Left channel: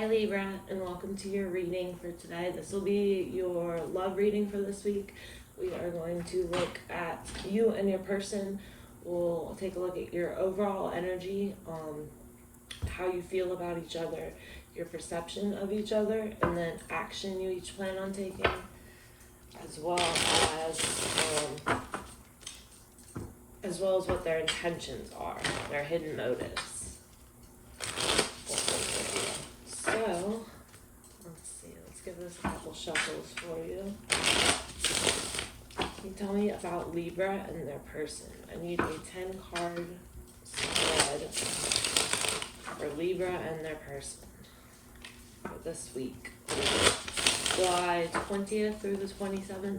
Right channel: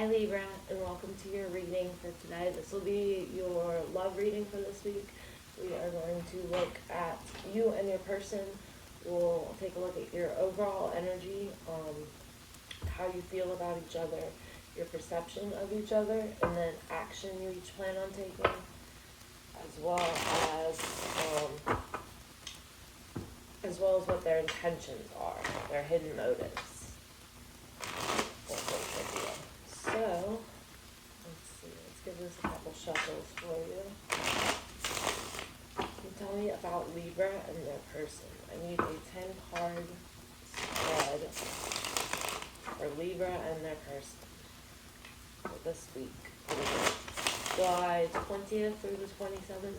Hi Libra, and welcome to your reading for today. This will be your love reading for this week. We are going to look at you and your person. We'll take a look at your overall energy, how you feel about each other, your perception of each other, and then action you each plan on taking, as well as what their intentions are, their hidden motives. So, let's see, let's give this a couple shuffles for you. Can you tell me about Libra and their person? I need a 10-card spread for Libra and their person for this week. July 20th through the 27th.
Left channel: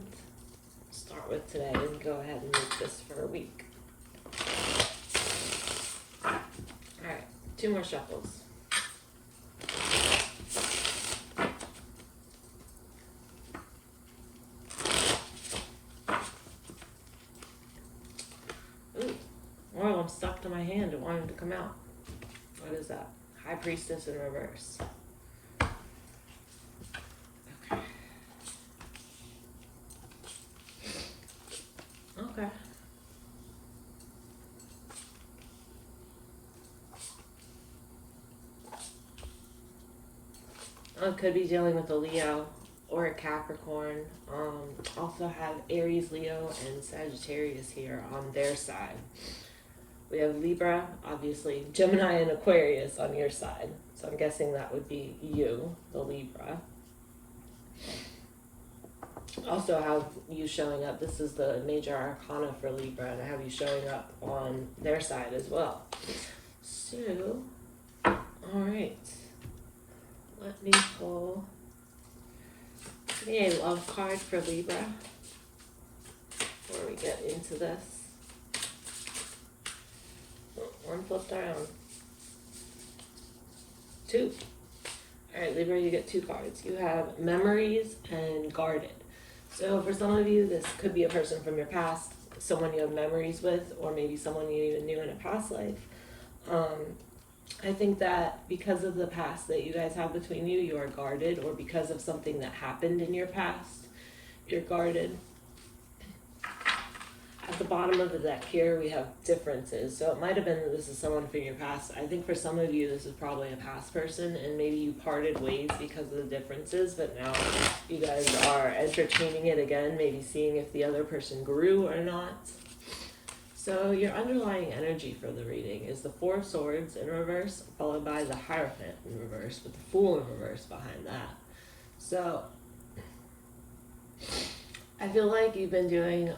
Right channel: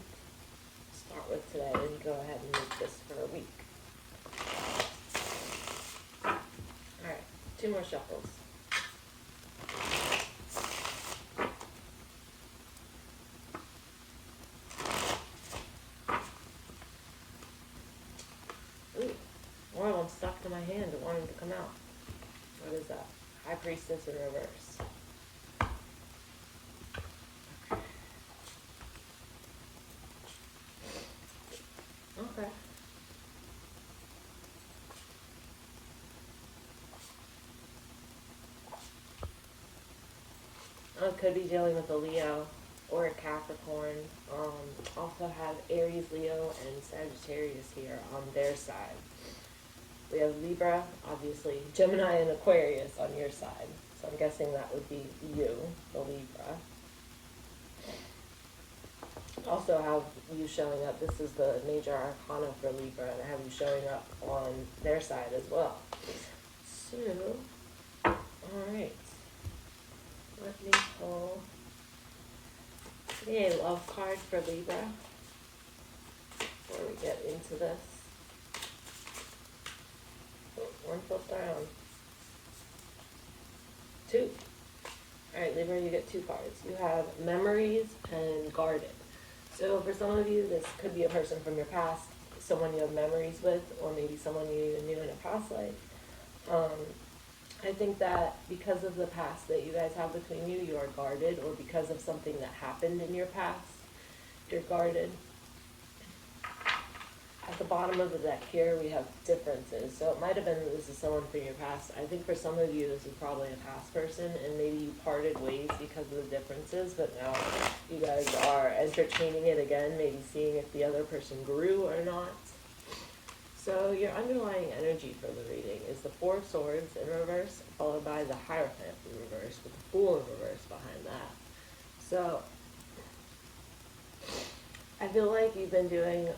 Start with today and go ahead and make this for a week. Alright, 2 more shuffles. More of them stuck to my hand and wanted to come out. What is that? High Priestess in reverse. Okay. Okay. I could be dealing with a Leo or a Capricorn. Also have Aries, Leo, and Sagittarius here on their side. We have Libra, obviously, Gemini and Aquarius on your side. So I'm guessing that would be you, the Libra. Also have you showing up. This is the major arcana for Libra, and I have you showing up on their side as well. So, alright. Let me pull a love card for Libra before we get into this. One flipped around. 2. Alright, Libra, you get 2 cards. You have Memories and Guarded. So for some of you, this could be a person from your past, someone you have memories with, or maybe someone you even knew in a past life. I think that because of the past that you guys have between you, you are guarded, or because of something that happened in your past, you're guarded. At the bottom of the deck here, we have differences. So it might have been that this is someone from your past. I think for some of you, this is probably a past person, and maybe you parted ways because of the differences, but now you guys are entertaining it again, maybe seeing if the other person grew or not. So your underlying energy for the reading is the 4 of Swords in reverse, followed by the Hierophant in reverse, with the Fool in reverse behind that. So I feel like you've been doing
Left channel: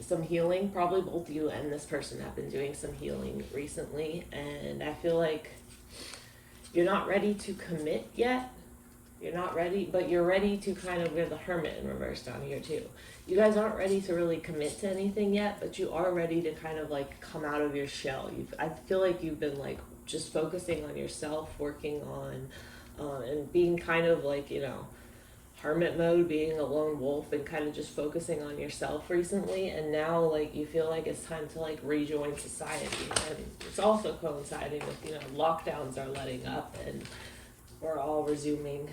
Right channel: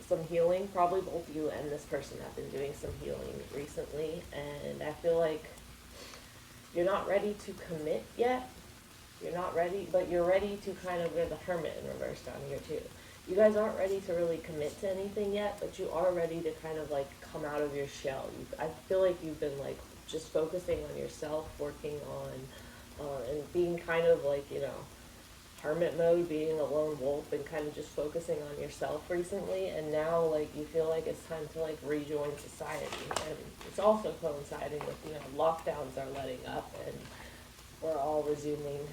some healing. Probably both you and this person have been doing some healing recently, and I feel like you're not ready to commit yet. You're not ready, but you're ready to kind of, we have the Hermit in reverse down here too. You guys aren't ready to really commit to anything yet, but you are ready to kind of like come out of your shell. I feel like you've been like just focusing on yourself, working on and being kind of like, you know, hermit mode, being a lone wolf, and kind of just focusing on yourself recently. And now like you feel like it's time to like rejoin society, and it's also coinciding with, you know, lockdowns are letting up and we're all resuming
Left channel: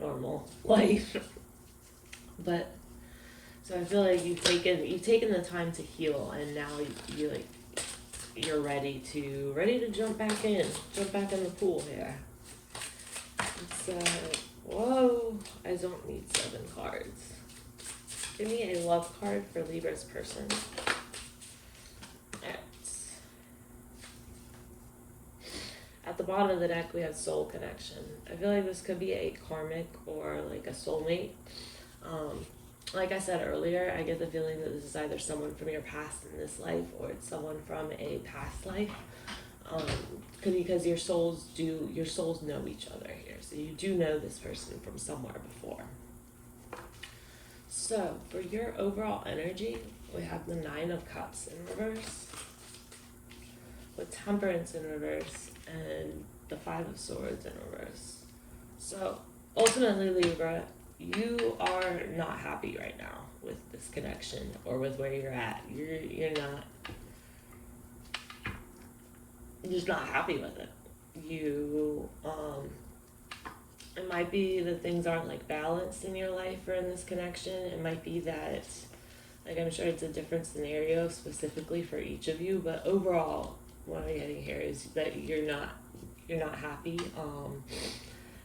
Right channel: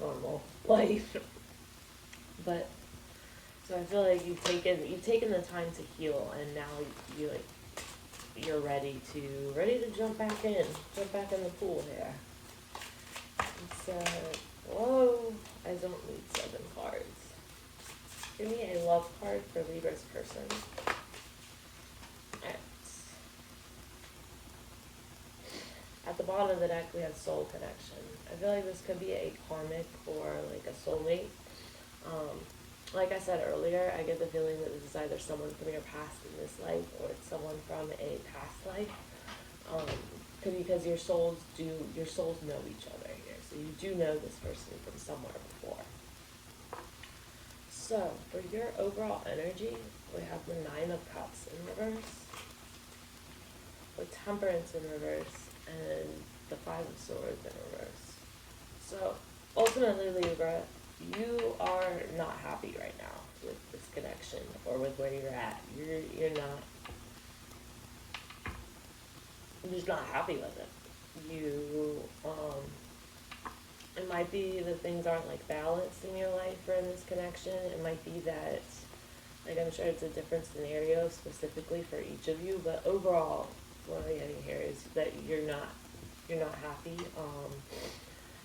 normal life. But so I feel like you've taken the time to heal, and now you're ready to jump back in the pool here. So whoa, I don't need 7 cards. Give me a love card for Libra's person. At the bottom of the deck, we have Soul Connection. I feel like this could be a karmic or like a soulmate. Like I said earlier, I get the feeling that this is either someone from your past in this life, or it's someone from a past life. Because your souls know each other here, so you do know this person from somewhere before. So for your overall energy, we have the 9 of Cups in reverse, with Temperance in reverse, and the 5 of Swords in reverse. So ultimately, Libra, you are not happy right now with this connection or with where you're at. You're not you're just not happy with it. You might be that things aren't like balanced in your life or in this connection. It might be that, like, I'm sure it's a different scenario specifically for each of you, but overall, what I'm getting here is that you're not happy.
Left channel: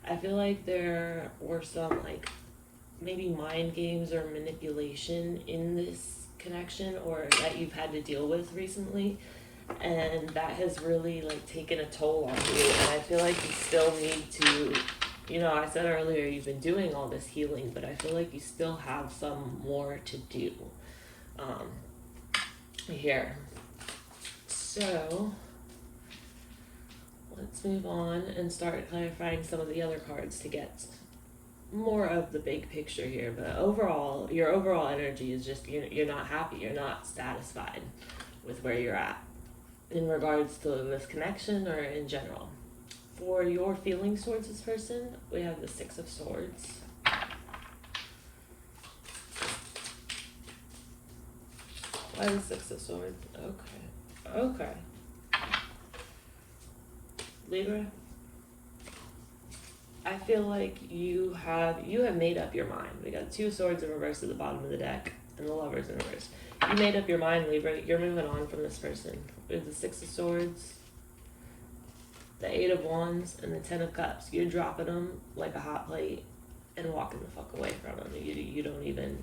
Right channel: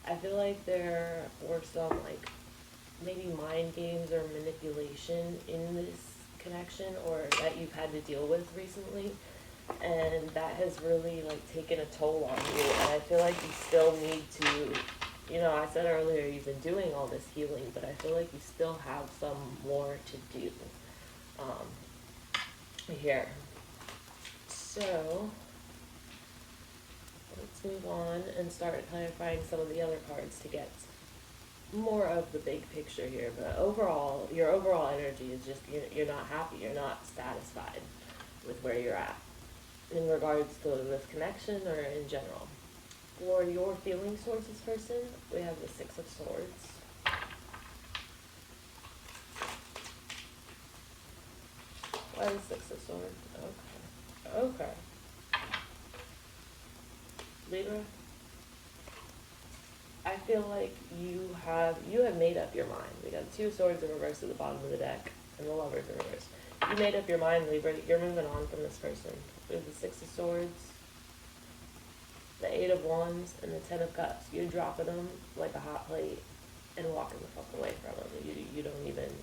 I feel like there were some, like, maybe mind games or manipulation in this connection, or that you've had to deal with recently, and that has really, like, taken a toll on you. And I feel like you still need to, you know, I said earlier you've been doing all this healing, but I feel like you still have some more to do here. So let's move on and start clarifying some of the other cards to get more of the big picture here. But overall, your overall energy is just you're not happy, you're not satisfied with where you're at in regards to this connection or in general. For your feelings towards this person, we have the Six of Swords. Why the Six of Swords? Okay. Libra, I feel like you have made up your mind. We got two swords in reverse at the bottom of the deck and the Lovers in reverse. You made up your mind, Libra. You're moving on from this person. We have the Six of Swords, the Eight of Wands, and the Ten of Cups. You're dropping them like a hot plate and walking the fuck away from them. You don't even,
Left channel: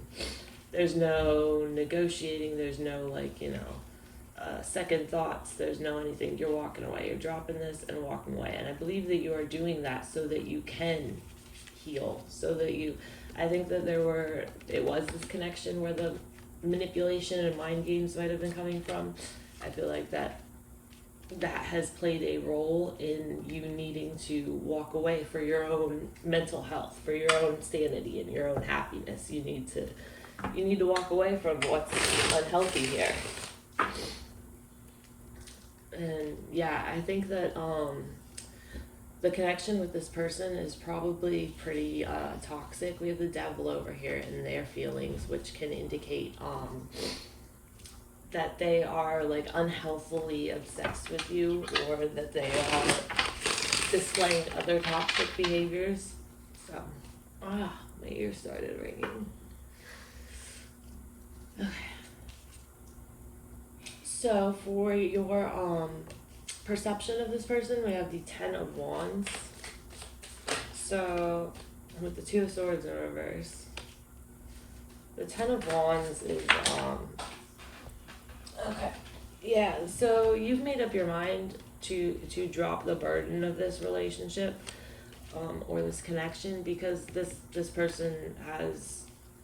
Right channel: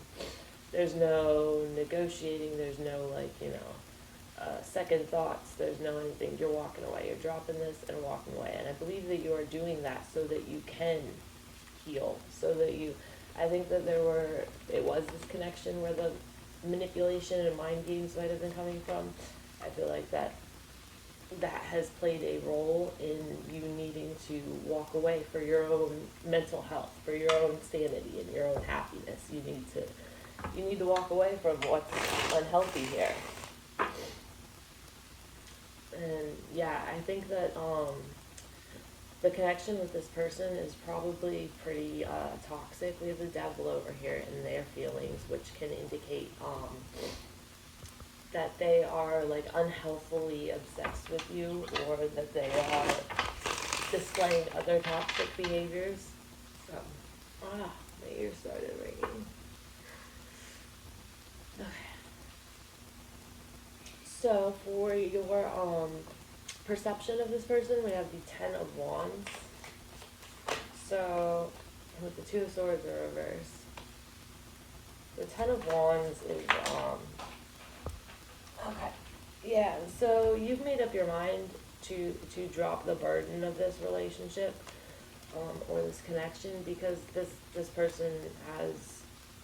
there's no negotiating, there's no, like, you know, second thoughts, there's no anything. You're walking away, you're dropping this and walking away. And I believe that you are doing that so that you can heal, so that you, I think that it was this connection where the manipulation and mind games might have been coming from. I feel like that has played a role in you needing to walk away for your own mental health, for your own sanity and your own happiness. You need to walk away from what's unhealthy here. And yeah, I think that the connection with this person is probably pretty toxic. We have the Devil over here and their feelings, which can indicate that they are, like, unhealthily obsessed with you, or that they are displaying other toxic behaviors. So, my ear started ringing. Okay. So for your perception of this person, we have the Ten of Wands. So with the Two of Swords in reverse, the Ten of Wands is okay. Yeah, so you've made up your mind to drop the burden of this relationship or this connection, because this person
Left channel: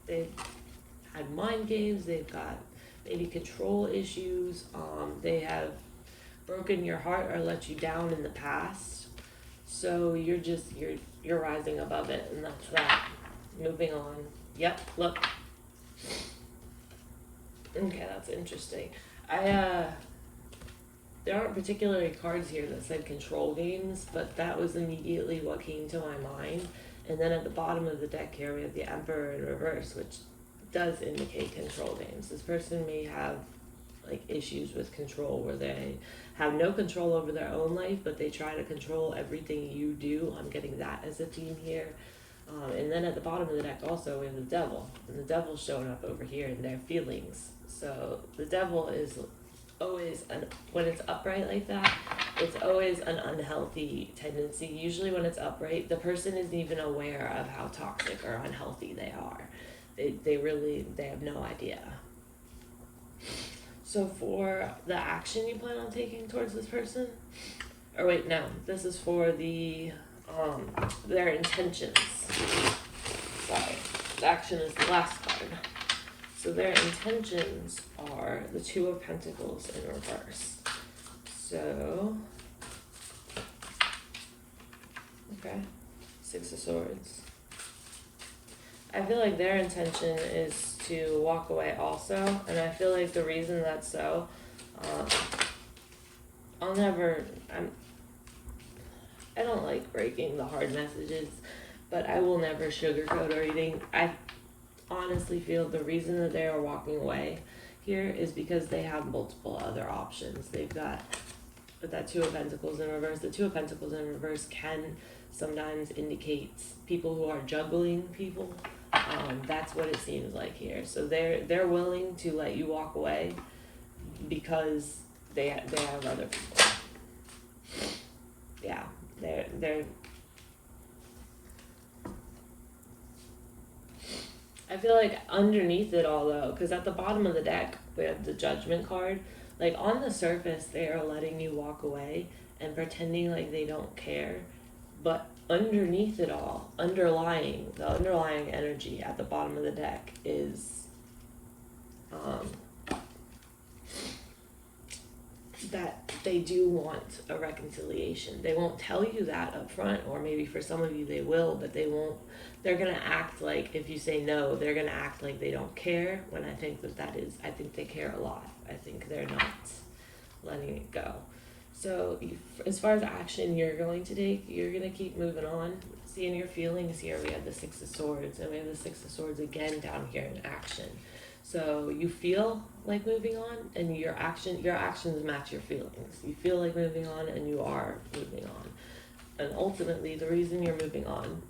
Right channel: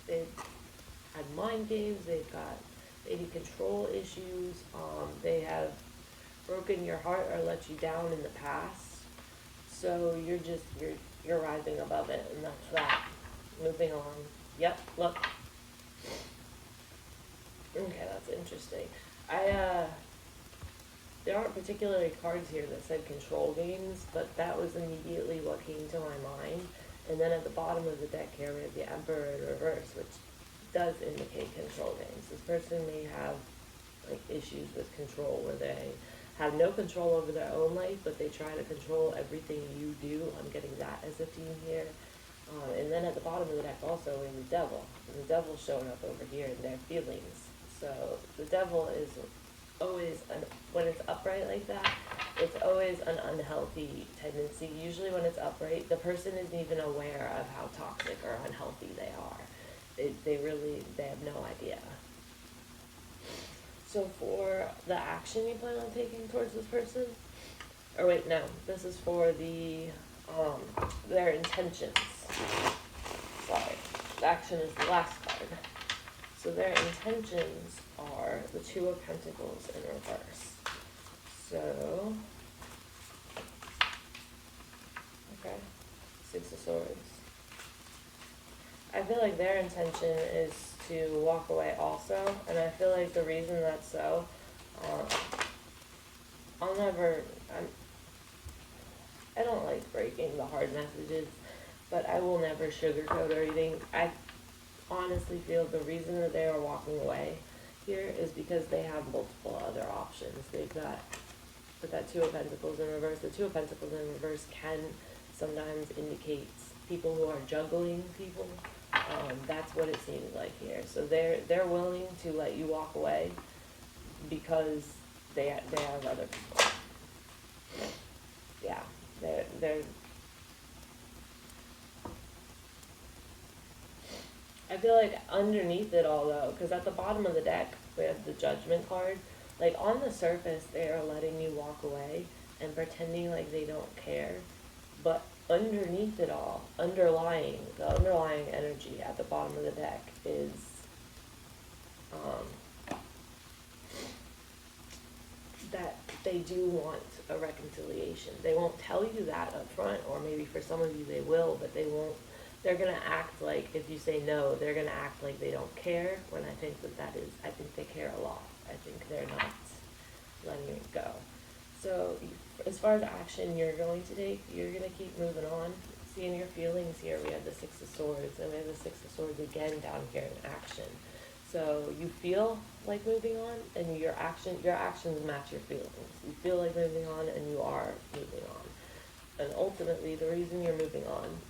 they've had mind games, they've got maybe control issues, they have broken your heart or let you down in the past. So you're rising above it, and that's that. Moving on. Yep, look. Okay, that's interesting. There aren't particularly cards here that said control games, but that was immediately what came to my mind. And then at the bottom of the deck here, we have the Emperor in reverse, which does indicate control games. This person may have, like, issues with control where they have no control over their own life, but they try to control everything you do. I'm getting that as a theme here. And then at the bottom of the deck also we have the Devil. And the Devil's showing up over here in their feelings. So the Devil is always, when it's upright like that, it's always an unhealthy tendency. Usually when it's upright, the person isn't even aware of how toxic or unhealthy they are. They have no idea. So for the action you plan on taking towards this person, or wait, no, this is for their intentions. Sorry, the action is the last card. So their intentions are the Two of Pentacles in reverse. So, okay, Six of Swords. I feel like their intention is to walk away also, and I feel like the reason that's so, I don't like breaking the hard messages, but I will never sugarcoat a reading. I honestly feel the reason that they are walking away here is because they have multiple other options. They've got, with that Two of Pentacles in reverse, the Two of Pentacles in reverse can sometimes indicates people who are juggling people. That's what it seems like here. So they're willing to let you walk away because they have other people. Yeah, they're. I feel like underneath it all though, because at the bottom of the deck we have the Judgment card. Like on the surface, they are letting you walk away and pretending like they don't care, but underneath it all, the underlying energy at the bottom of the deck is that they do want a reconciliation. They won't tell you that up front, or maybe for some of you they will, but they won't. They're gonna act like, if you say no, they're gonna act like they don't care, when I think I think they care a lot. I think they're not letting it go. So as far as action you're going to take, you're going to keep moving on. Seeing your feelings here, we have the Six of Swords, and we have the Six of Swords again down here in action. So you feel like moving on, and your actions match your feelings. You feel like moving on, and you are moving on. And ultimately, the reason you're moving on,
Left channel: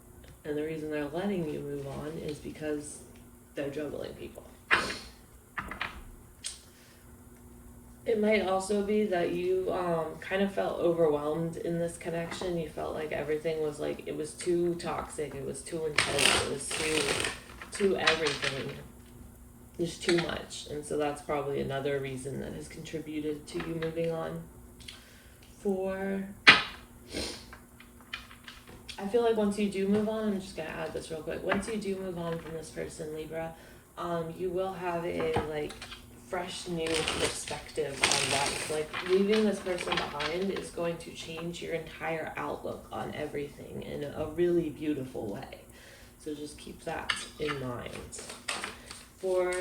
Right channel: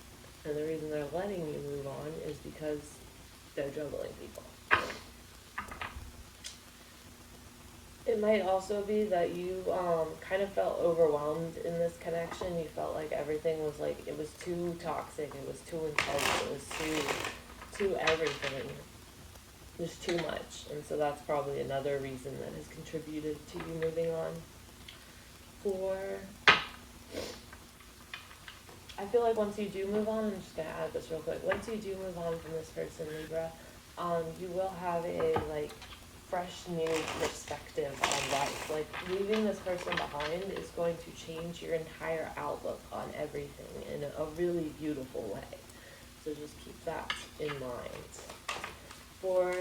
and the reason they're letting you move on, is because they're juggling people. It might also be that you kind of felt overwhelmed in this connection. You felt like everything was like, it was too toxic, it was too intense, it was too everything. There's too much. And so that's probably another reason that has contributed to you moving on. I feel like once you do move on, I'm just going to add this real quick. Once you do move on from this person, Libra, you will have a fresh new perspective on life. Like leaving this person behind is going to change your entire outlook on everything in a really beautiful way. So just keep that in mind. For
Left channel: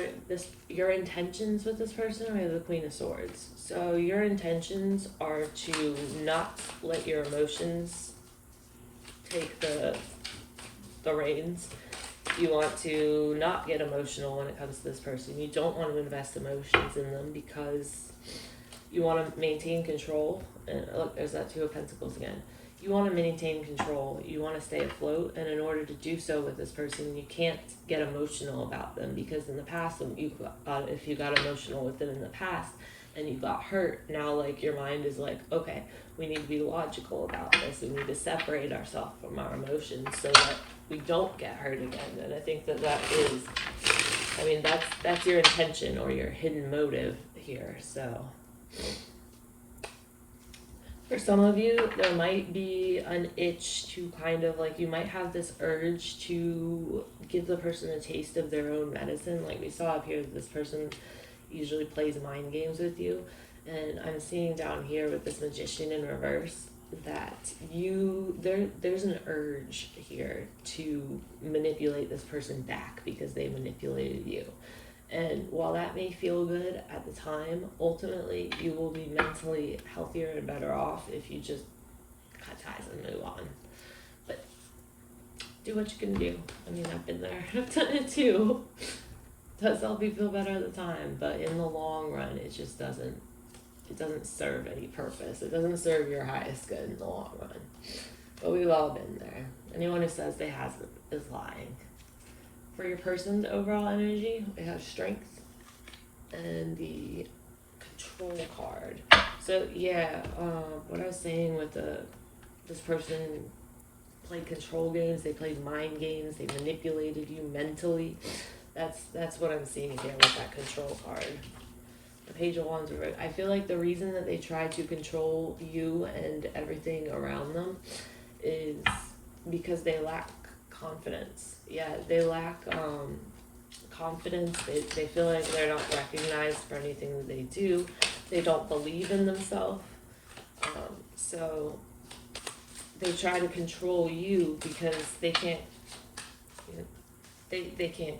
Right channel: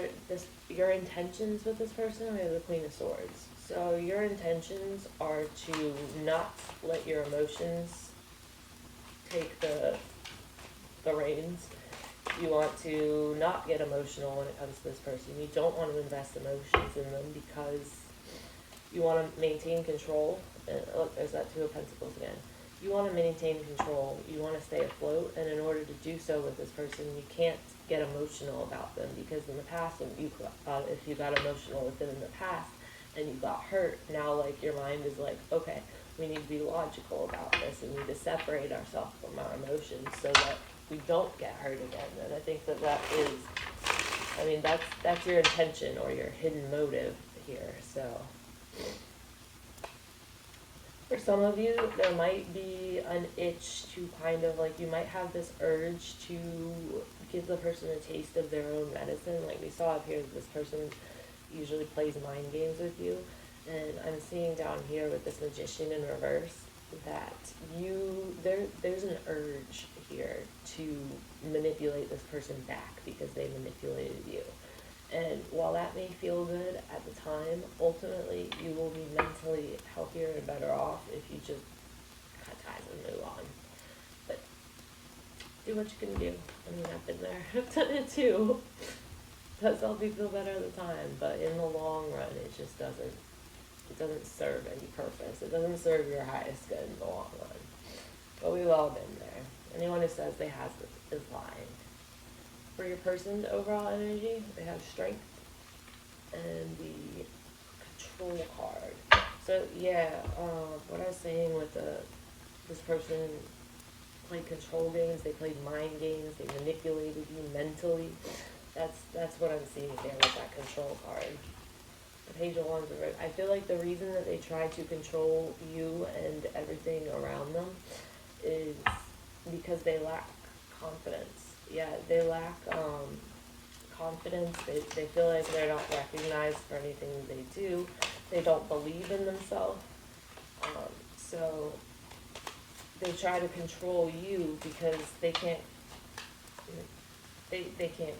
your intentions with this person, we have the Queen of Swords. So your intentions are to not let your emotions take the reins. You want to not get emotional when it comes to this person. You don't want to invest emotions in them because you want to maintain control. And look, there's that Two of Pentacles again. You want to maintain control. You want to stay afloat. And in order to do so with this person, you can't get emotional about them, because in the past, if you got emotional with them in the past and you got hurt, now like your mind is like, okay, we need to be logical about this. We need to separate ourselves from our emotions so that we don't get hurt again. And I think that is, that's your intention or your hidden motive here. So for some of you, there might be an itch to kind of like, you might have this urge to give the person a taste of their own medicine. Like we saw up here, this person usually plays mind games with you. And I'm seeing down here with this Magician in reverse that there's an urge here to manipulate this person back because they manipulated you. And while that may feel good at the time, ultimately you will be mentally healthier and better off if you just cut ties and move on. But do what you can do. I've been there. I've done it too. It does help you feel better at the time, but in the long run, it just doesn't serve any purpose. It doesn't serve your highest good in the long run. But we've all been there. Anyone who says they hasn't is lying. For your person's overall energy, they have Strength and the Control card. So yeah, what I was saying with this person played control games, they played mind games, they manipulated you mentally. That's what I'm seeing here with that Control card. Page of Wands. I feel like the reason that they try to control you and everything around them is because they lack confidence. Yeah, they lack confidence. They feel like they're not recognized for anything that they do. They don't believe in themselves. So they try to control you because they can't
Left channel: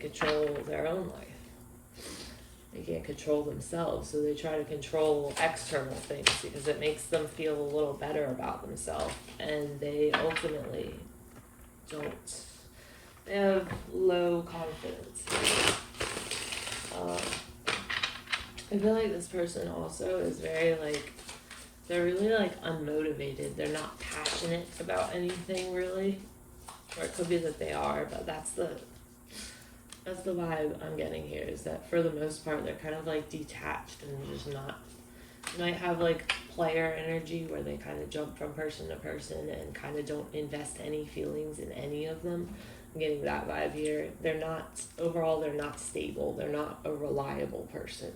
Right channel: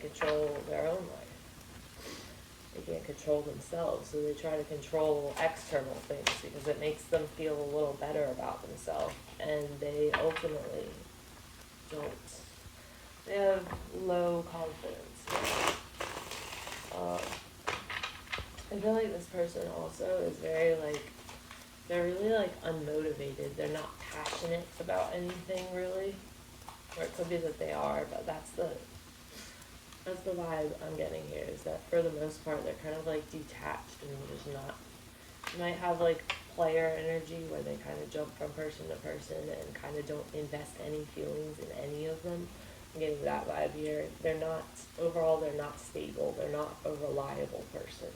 control their own life. They can't control themselves, so they try to control external things because it makes them feel a little better about themselves, and they ultimately don't. They have low confidence. I feel like this person also is very like They're really like unmotivated. They're not passionate about anything really. Or it could be that they are, but that's the vibe I'm getting here, is that for the most part they're kind of like detached and just not. You might have like player energy where they kind of jump from person to person and kind of don't invest any feelings in any of them. I'm getting that vibe here. They're not, overall they're not stable. They're not a reliable person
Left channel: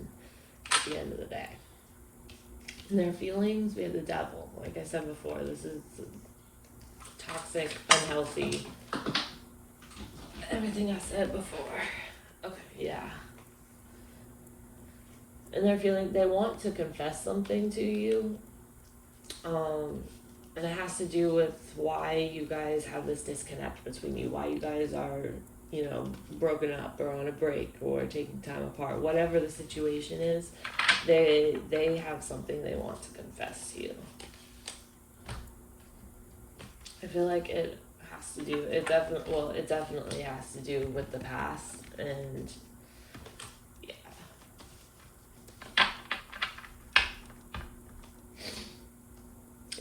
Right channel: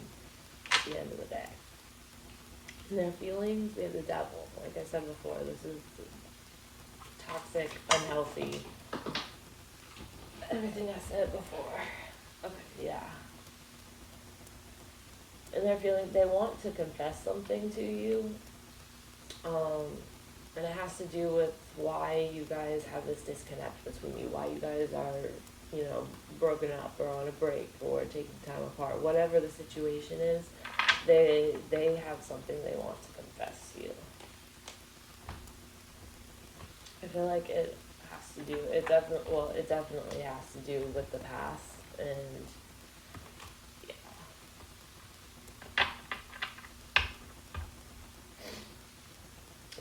at the end of the day. And their feelings, we have the devil. Like I said before, this is toxic, unhealthy, everything I said before. Okay, yeah. And they're feeling, they want to confess something to you. And it has to do with why you guys have this disconnect between you, why you guys are, you know, broken up or on a break or taking time apart. Whatever the situation is, they have something they want to confess to you. I feel like it has to do, it definitely has to do with the past, and yeah.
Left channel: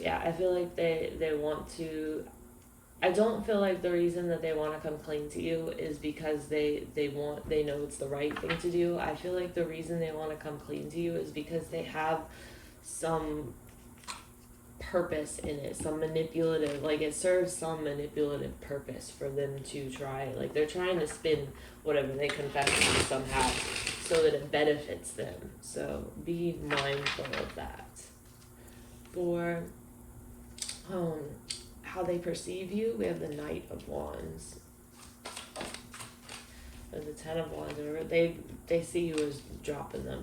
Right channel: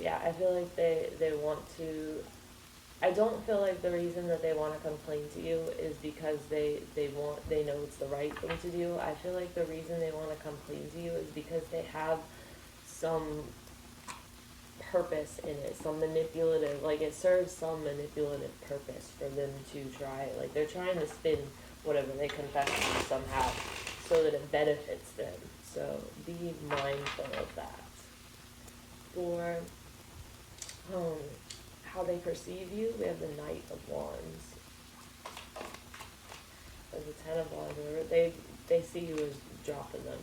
Yeah, I feel like they want to, I don't feel like the reason that they want to complain to you is because they know it's the right thing to do. I feel like the reason they want to complain to you is because they have some purpose in it, some manipulative, like it serves some manipulative purpose for them to try, like they're trying to spin whatever they confess to somehow so that it benefits them. So be mindful of that. For how they perceive you, we have the Knight of Wands. And the Ten of Wands, they see you as dropping them.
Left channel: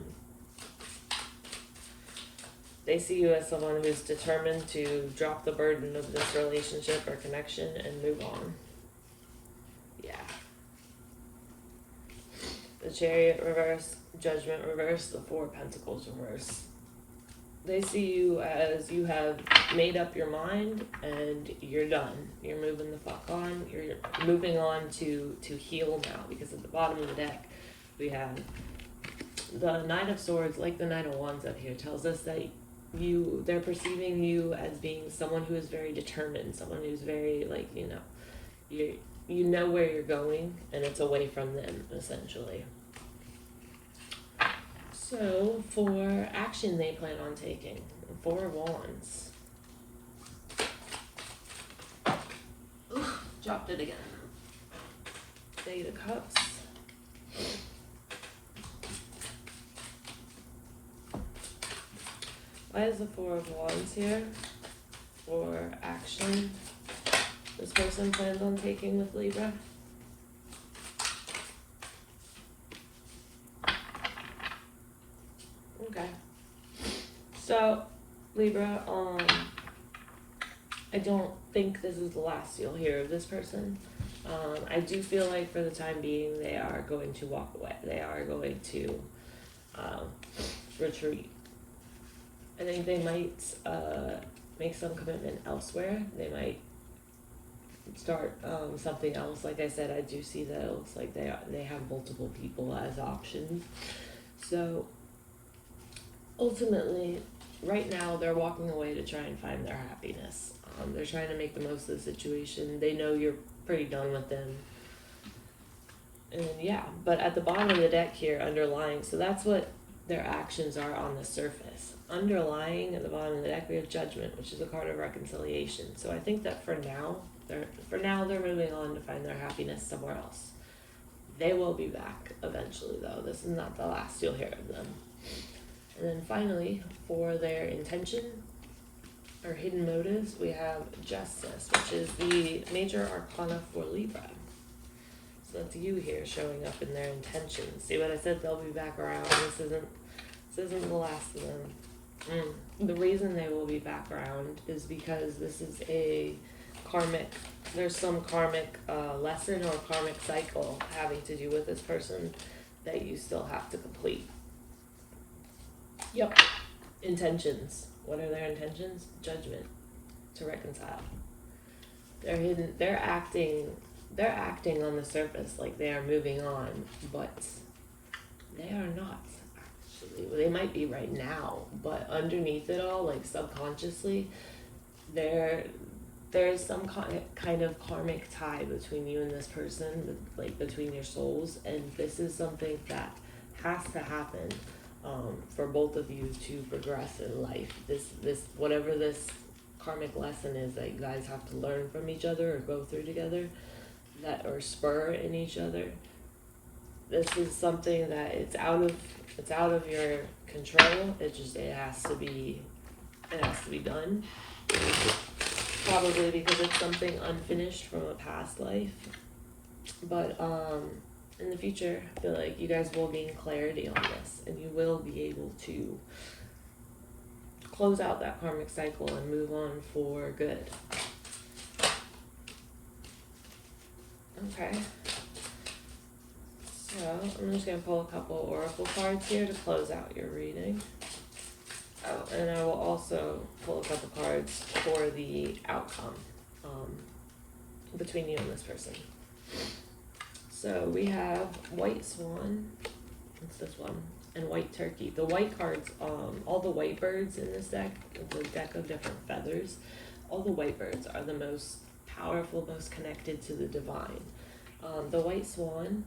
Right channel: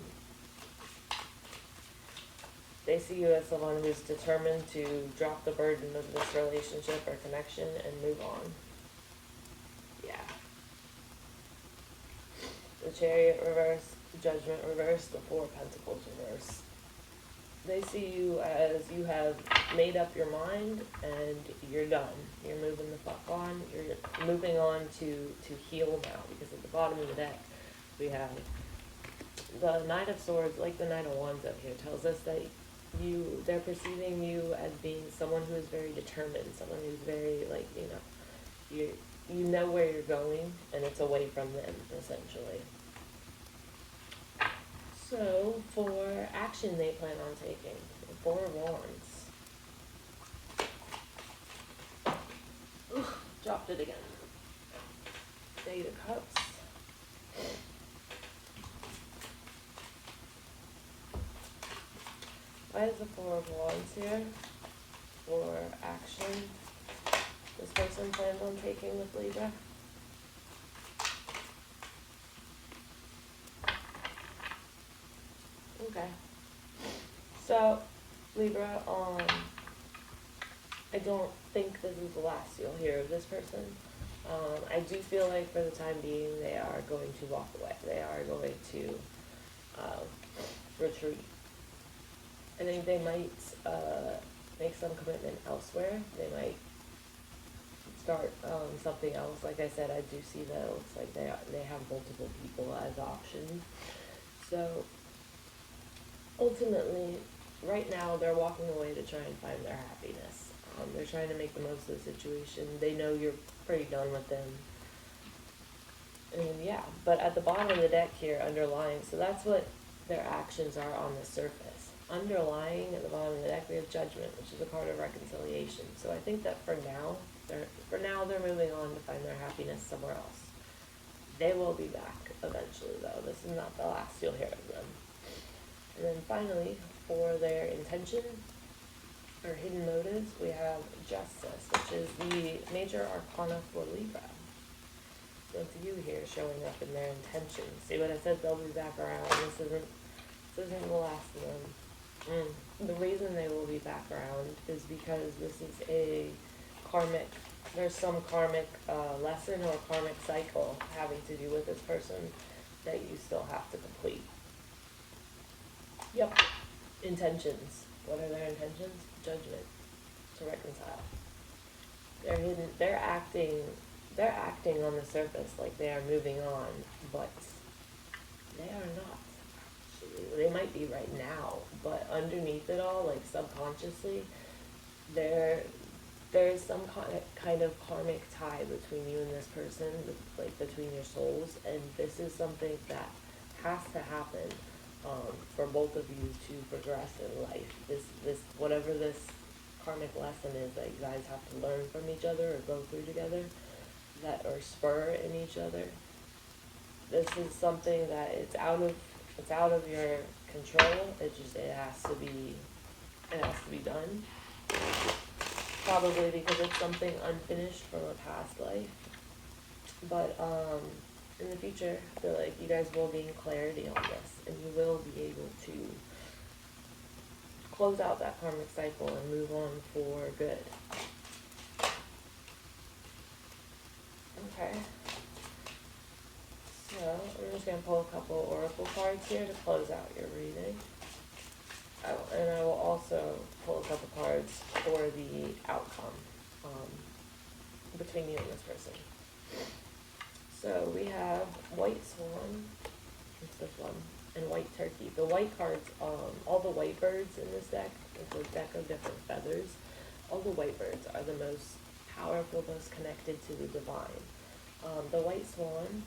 They see you as someone who's determined to drop the burden of this relationship or connection and move on. Yeah. The Chariot reverse, the Judgment reverse, the Four of Pentacles reverse. They see you as you have made up your mind and you're done. You're moving the fuck on. You're moving on to heal now, because at the bottom of the deck we have the Knight of Swords, like the Knight of Wands up here, tells us that they're perceiving you as being someone who is very determined, someone who's very, like, you know where you're going, and it's away from them, essentially. So, for action they plan on taking, Four of Wands. Dropped it again. Eight of Cups. Why is the Four of Wands here? For action this person plans on taking with Libra. Okay. So, Libra, I don't think this is the last you'll hear of this person. I do feel like for the time being they are going to walk away. They are going to retreat. I think they might make some commitment elsewhere. They might start something else. Like I said, I do see that it looks like they have multiple people as options. So ultimately, right now they're walking away to try and find their happiness. They're trying to make the most of the situation. They know you're pretty done with them. And yeah, but at the bottom of the deck here, underlying, so that's what their actions are on the surface. Underlying at the bottom of the deck, we have Judgment, which is a card of reconciliation. So I think that for now they're moving on to find their happiness somewhere else. They will be back eventually, though. This is not the last you'll hear of them. And then finally, for their intention or hidden motives, we have Justice, which is the major arcana for Libra. So it's you here showing up in their intentions. See what I said? They'll be back around. This isn't the last of them. The reason they will be back around is because this is a karmic, there's some karmic lesson or karmic cycle having to do with this person that you still have to complete. Yep. Intentions. What are their intentions? Judgment. To reconcile. They're hidden. They're acting on the surface like they are moving on, but they are not, actually. they might be right now, but underneath it all, like subconsciously, there's some kind of karmic tie between you and this person, like between your souls, and this is something that has to happen for both of you to progress in life. This whatever this karmic lesson is that you guys have to learn from each other or go through together, that or spur in each other. This is something that it's out of your control. It has to be done. Probably because it's something unfinished from a past life. But in the future, I feel like you guys will gain clarity on this, and you will be able to close out that karmic cycle and move on for good. Okay. So I'm just going to pull a couple oracle cards here to close out your reading. Oh, and I will also pull a couple cards for the outcome between you and this person. So we have White Swan, it's this one, and White Turkey. The white cards, all the white birds in this deck, it's a deck of different feathers. All the white birds are the most powerful, most connected to the divine. The White Swan,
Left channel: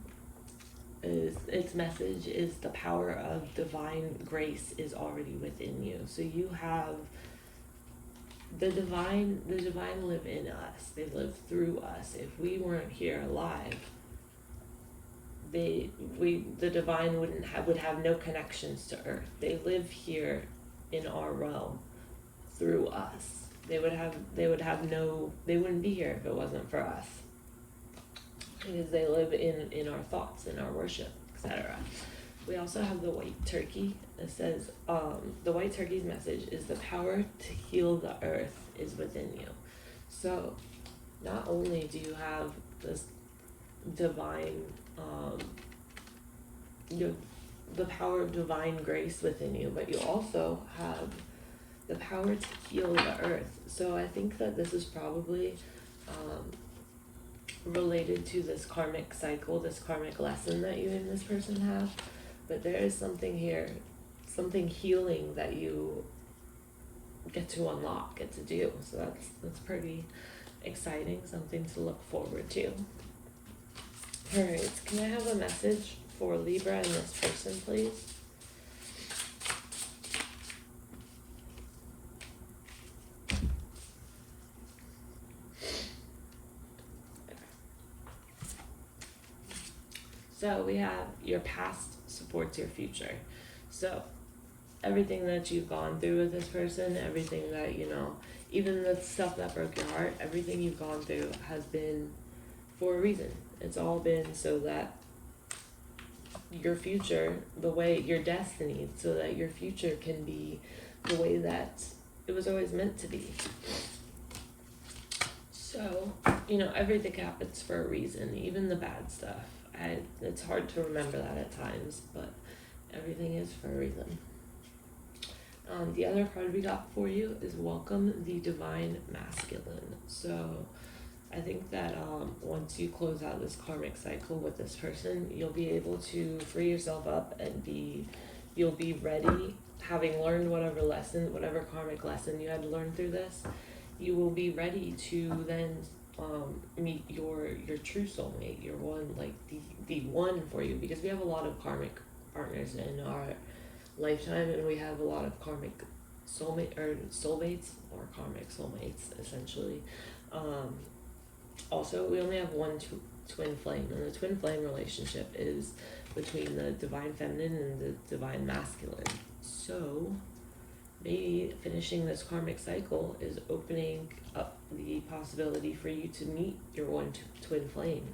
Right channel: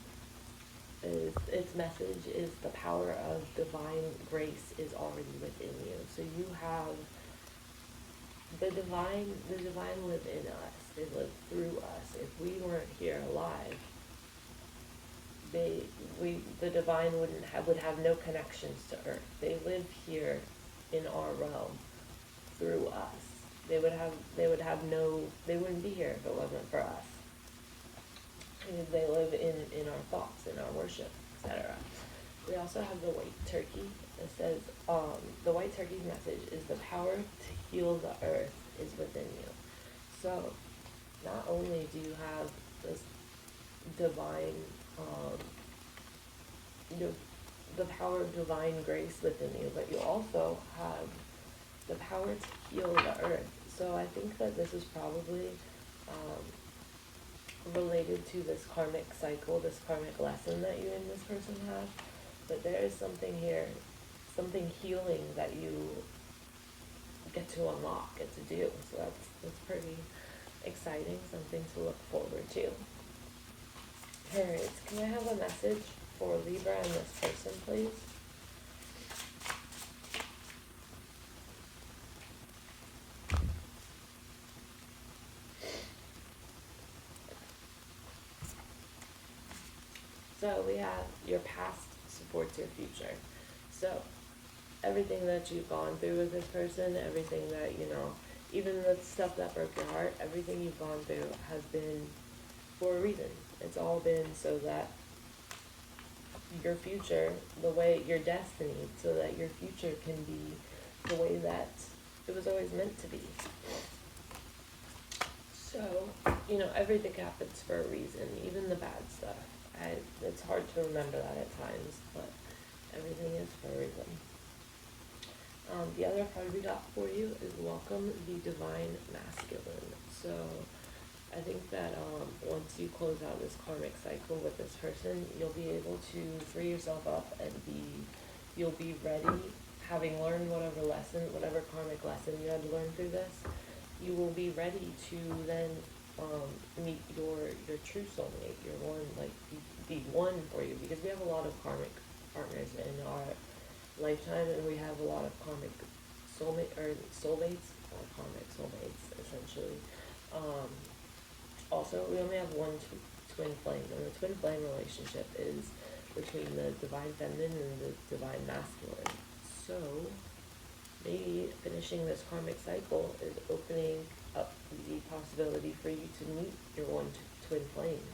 its message is the power of divine grace is already within you. So you have the divine live in us. They live through us. If we weren't here alive, the divine would have no connections to earth. They live here in our realm through us. They wouldn't be here if it wasn't for us. Because they live in our thoughts, in our worship, etc. We also have the White Turkey that says, the White Turkey's message is the power to heal the earth is within you. So, not only do you have this divine, the power of divine grace within you, but you also have the power to heal the earth. So I think that this is probably related to this karmic cycle, this karmic lesson that you and this person have. But there is something here, something healing that you get to unlock, get to do. So that's pretty exciting, something to look forward to. Alright, can I have a message for Libra and this person, please? So we have your past supports your future. So everything that you've gone through with this person, everything that, even the stuff that broke your heart, everything you've gone through has been for a reason. It's all been so that your future, your destiny, so that your future can be the way that it was always meant to be. So, everything happens for a reason, even the bad stuff. It's hard to remember that at times, but everything is for a reason. The other card we got for you is Welcome the Divine Masculine. So I think that once you close out this karmic cycle with this person, you'll be able to free yourself up and you'll be ready, having learned whatever karmic lesson you had to learn through this, you will be ready to then meet your true soulmate, your one, like the one for you, because we have a lot of karmic partners in our lifetime, and we have a lot of karmic soulmates, or karmic soulmates, essentially. Also, we only have one twin flame, and the twin flame relationship is between the divine feminine and the divine masculine. So, maybe finishing this karmic cycle is opening up the possibility for you to meet your one twin flame.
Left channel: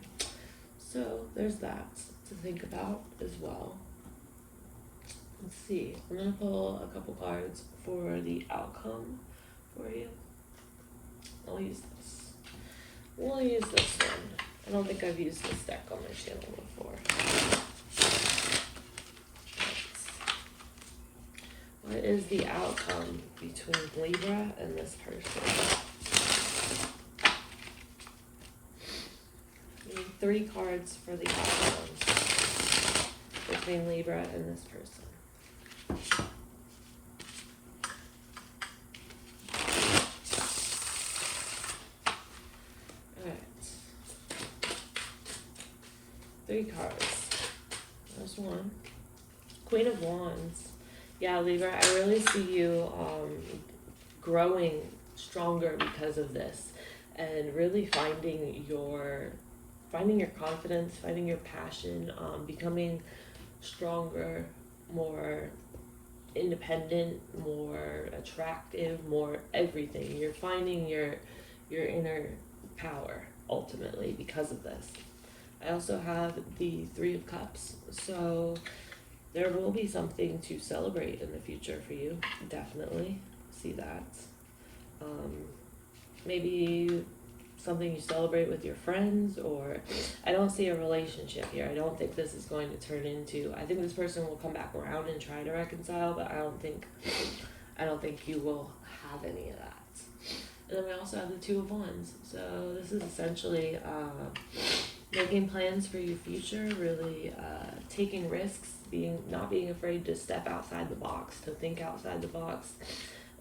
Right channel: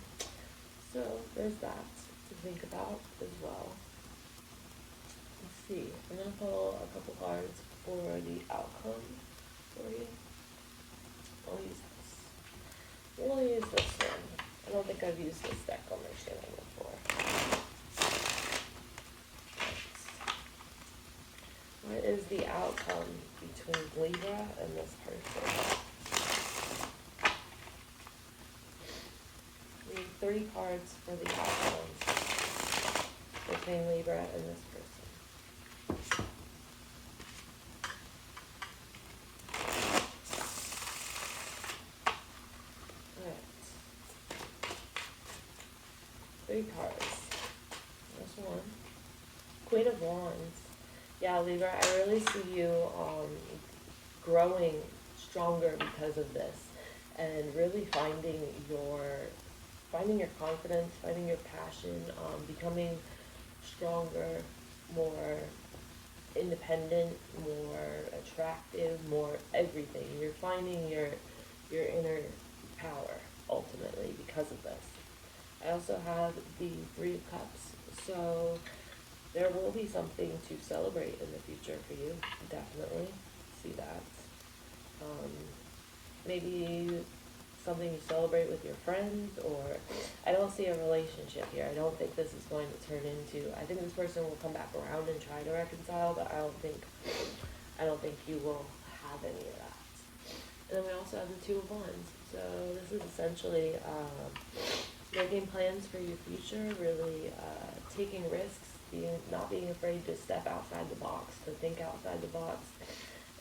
So, there's that to think about as well. Let's see, I'm going to pull a couple cards for the outcome for you. I'll use this. We'll use this one. I don't think I've used this deck on my channel before. What is the outcome between Libra and this person? We need 3 cards for the outcome between Libra and this person. Three cards. There's one. Queen of Wands. Yeah, Libra, I really see you growing stronger because of this, and really finding your confidence, finding your passion, becoming stronger, more independent, more attractive, more everything. You're finding your inner power ultimately because of this. I also have the Three of Cups, so there will be something to celebrate in the future for you. Definitely see that. Maybe something you celebrate with your friends, or I don't see a relationship here. I don't think this is going to turn into, I think this person will come back around and try to reconcile, but I don't think you will have any of that. And then we also have the Two of Wands. So this is essentially making plans for your future, really taking risks, not being afraid to step outside the box, to think outside the box,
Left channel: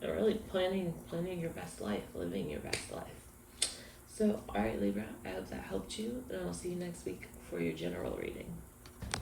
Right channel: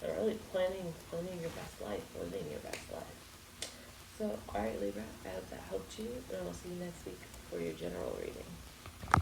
and really planning your best life, living your best life. So, alright Libra, I hope that helped you, and I'll see you next week for your general reading.